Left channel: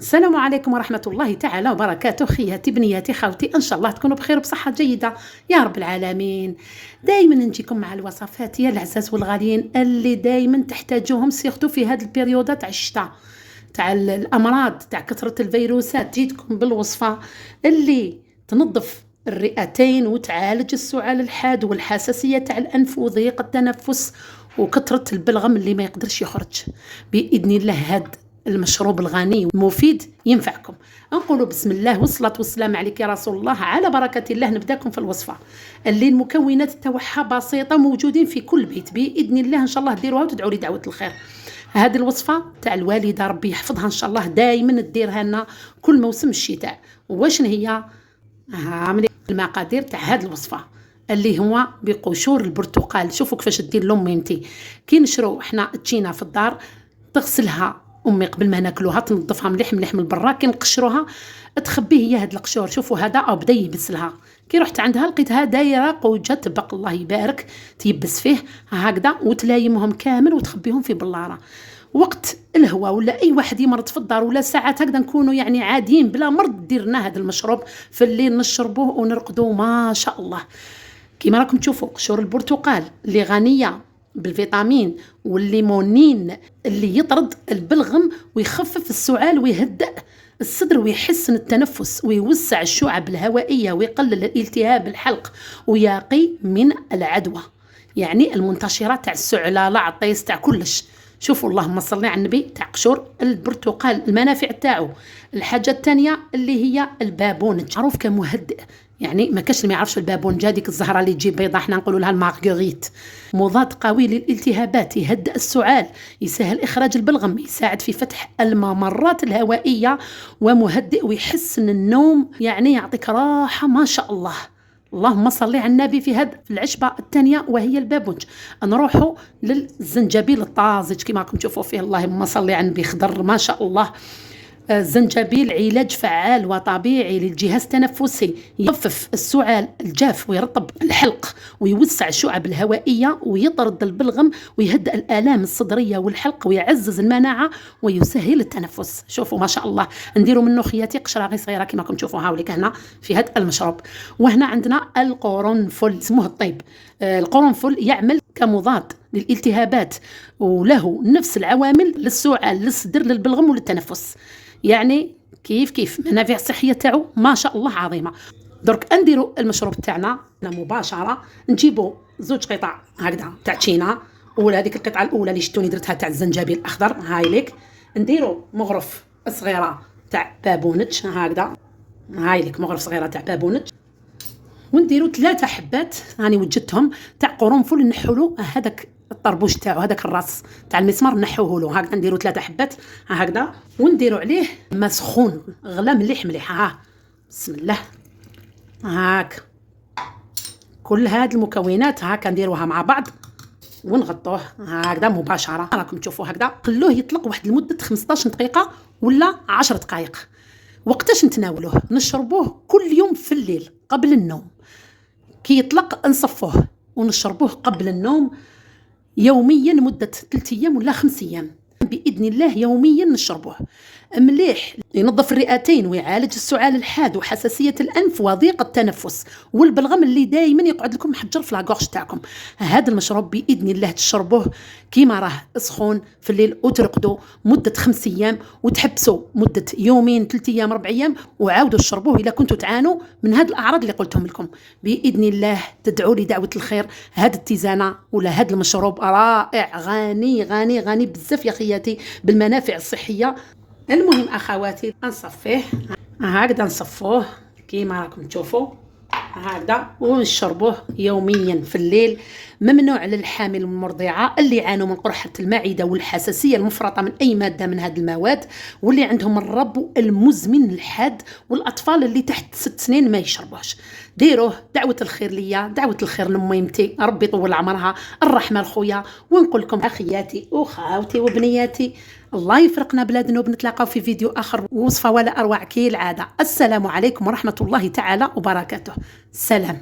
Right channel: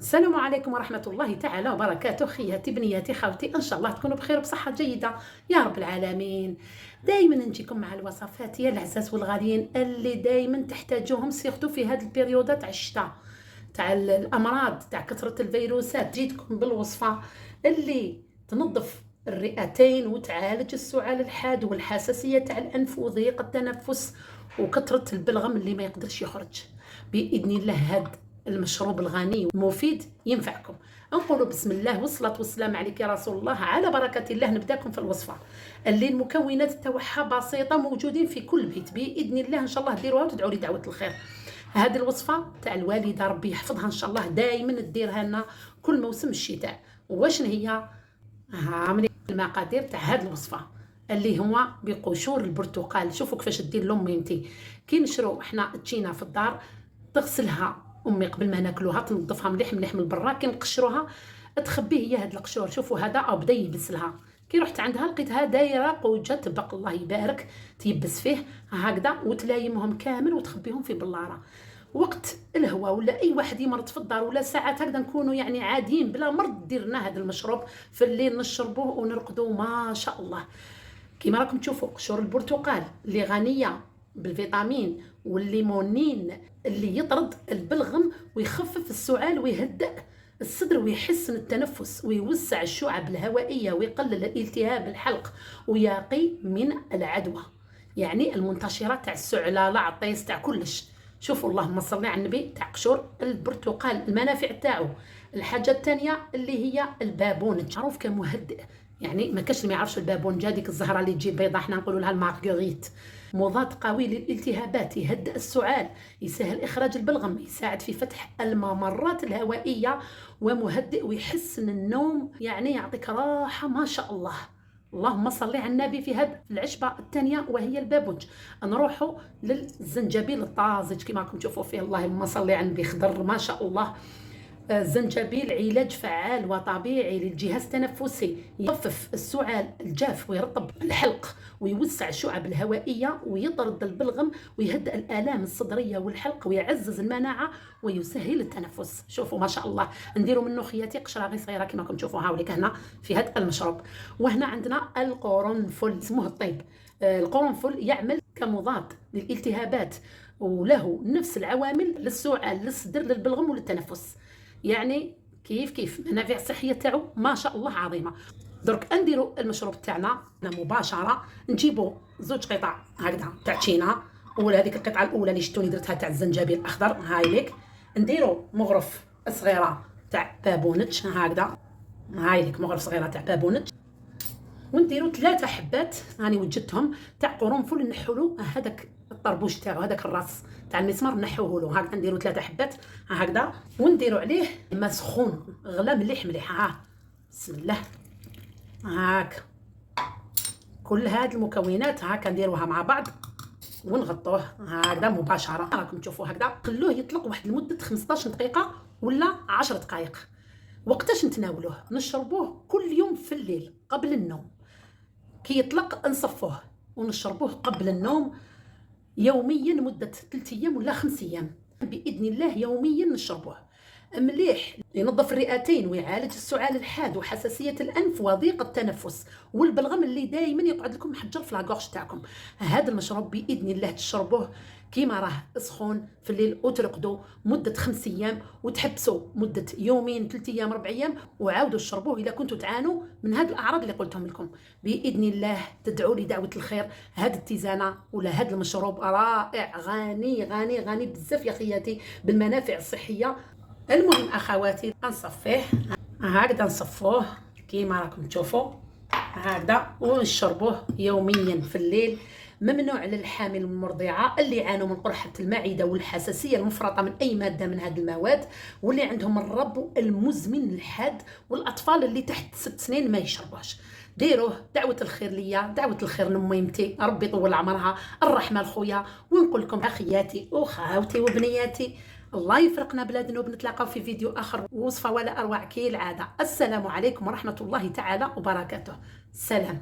السلام عليكم ورحمة الله تعالى وبركاته. خياتي بنياتي خاوتي، إن شاء الله تكونوا بخير وبصحة جيدة يا رب العالمين. دايما نجيكم مع الوصفات يا العزاز والغاليين اللي دايما تحتاجوهم، سيرتو في هذه البريودة تاع الشتاء، تاع الأمراض، تاع كثرة الفيروسات. جيتكم بالوصفة اللي تنظف الرئتين وتعالج السعال الحاد والحساسية تاع الأنف وضيق التنفس وكثرة البلغم اللي ما يقدرش يخرج. بإذن الله هاد المشروب الغني المفيد ينفعكم. نقولوا بسم الله والصلاة والسلام عليك يا رسول الله. على بركة الله نبداكم في الوصفة اللي المكونات تاعها بسيطة، موجودين في كل بيت بإذن الله. إن شاء الله ديروها وتدعوا لي دعوة الخير. هذه الوصفة تاع الوالدة ربي يحفظها إن شاء الله، دائما تديرها لنا كل موسم الشتاء. واش هي المقادير تاع هذه الوصفة؟ اللي هو بقشور البرتقال. شوفوا كيفاش دير لأمي كي نشرو احنا التشينه في الدار، تغسلها امي قبل ما ناكلوها، تنظفها مليح مليح من برا، كي نقشروها تخبيه هي هاد القشور. شوفوا هذا او بدا يبسلها، كي رحت عندها لقيتها دايره قوجه تبق الله يبارك، تيبس فيه هكذا وتلايمهم كامل وتخبيهم في بلاره. وقت الهواء ولا اي واحد يمرض في الدار ولا ساعات هكذا نكونوا يعني عاديين بلا مرض، ديرنا هذا المشروب في الليل نشربوه ونرقدوا ما شاء الله. كيما راكم تشوفوا قشور البرتقال اللي غنيه بالفيتامين والليمونين اللي يطرد البلغم ويخفف السعال ويهدأ الصدر ويحسن التنفس ويوسع الشعب الهوائية ويقلل الالتهاب الحلق ويقي من العدوى، يعني المنتشرات تاع السعلة العطيس تاع كلش. شوفوا اللهم صل على النبي تاع قشور البرتقال المنافع تاعو. الحاجة الثانية اللي هي البابونج، معروف كمهدئ، يعني ما كاش اللي ما يعرفش البابونجا، ديك الزهره اللي تجيب بيضه احنا نقولوا لها المارغريت. مضاد قوي للالتهابات، يهدئ السعال، يسهل اخراج البلغم، يساعد في فتح الممرات الهوائيه، ومهدئ ويحسن النوم، يعني يعطيك راحه ما شاء الله. اللهم صل على النبي في هذه العشبه الثانيه وهي البابونج. نروحوا للزنجبيل الطازج كما راكم تشوفوا فيه، اللهم صل على النبي، خضر ما شاء الله. الزنجبيل علاج فعال وطبيعي للجهاز التنفسي، يخفف السعال الجاف ويرطب الحلق ويوسع الشعب الهوائية ويطرد البلغم ويهدئ الآلام الصدرية والحلق ويعزز المناعة ويسهل التنفس. شوفوا ما شاء الله، نديروا منه خياتي قشرة غير صغيرة كما راكم تشوفوا هاوليك هنا في هذا المشروب. وهنا عندنا القرنفل، اسمه الطيب. القرنفل يعمل كمضاد للالتهابات وله نفس العوامل للسعال للصدر للبلغم وللتنفس، يعني كيف منافع الصحيه تاعو ما شاء الله عظيمه. درك نديروا المشروب تاعنا مباشره، نجيبوا زوج قطع هكذا تاع تشينا، ولا هذيك القطعه الاولى اللي شفتوني درتها تاع الزنجبيل الاخضر هاي ليك. نديروا مغرف صغيره تاع بابونج هكذا، هاي ليك مغرف صغيره تاع بابونج، ونديروا 3 حبات راني وجدتهم تاع قرنفل، نحولوا هذاك الطربوش تاعو، هذاك الراس تاع المسمار نحوه له هكذا. نديروا 3 حبات هكذا ونديروا عليه ماء سخون غلا مليح مليح. ها بسم الله، هاك كل هاد المكونات هاكا نديروها مع بعض ونغطوه هكذا مباشره. راكم تشوفوا هكذا، خلوه يطلق واحد لمده 15 دقيقه ولا 10 دقائق. وقتاش نتناولوه؟ نشربوه كل يوم في الليل قبل النوم، كي يطلق نصفوه ونشربوه قبل النوم يوميا مدة 3 أيام ولا 5 أيام بإذن الله. يوميا نشربوه مليح، ينظف الرئتين ويعالج السعال الحاد وحساسية الأنف وضيق التنفس والبلغم اللي دايما يقعد لكم محجر في لاغورج تاعكم. هذا المشروب بإذن الله تشربوه كيما راه سخون في الليل وترقدوا مدة 5 أيام وتحبسوا مدة يومين 3 أيام 4 أيام وعاودوا تشربوه إذا كنتوا تعانوا من هذه الأعراض اللي قلتهم لكم. بإذن الله تدعوا لي دعوة الخير. هذه التيزانة ولا هذا المشروب رائع، غني غني غني بزاف يا خياتي بالمنافع الصحية. المهم اخواتي نصفيه هكذا، نصفوه كيما راكم تشوفوا هكذا ونشربوه يوميا في الليل. ممنوع للحامل والمرضعه اللي يعانوا من قرحه المعده والحساسيه المفرطه من اي ماده من هذه المواد، واللي عندهم الربو المزمن الحاد، والاطفال اللي تحت 6 سنين ما يشربوش. ديروه دعوه الخير ليا، دعوه الخير لميمتي، ربي يطول عمرها، الرحمه لخويا. ونقول لكم اخياتي وخاوتي وبنياتي، الله يفرقنا بلا ذنوب. نتلاقاو في فيديو اخر وصفه ولا اروع كالعاده. السلام عليكم ورحمه الله تعالى وبركاته. سلام.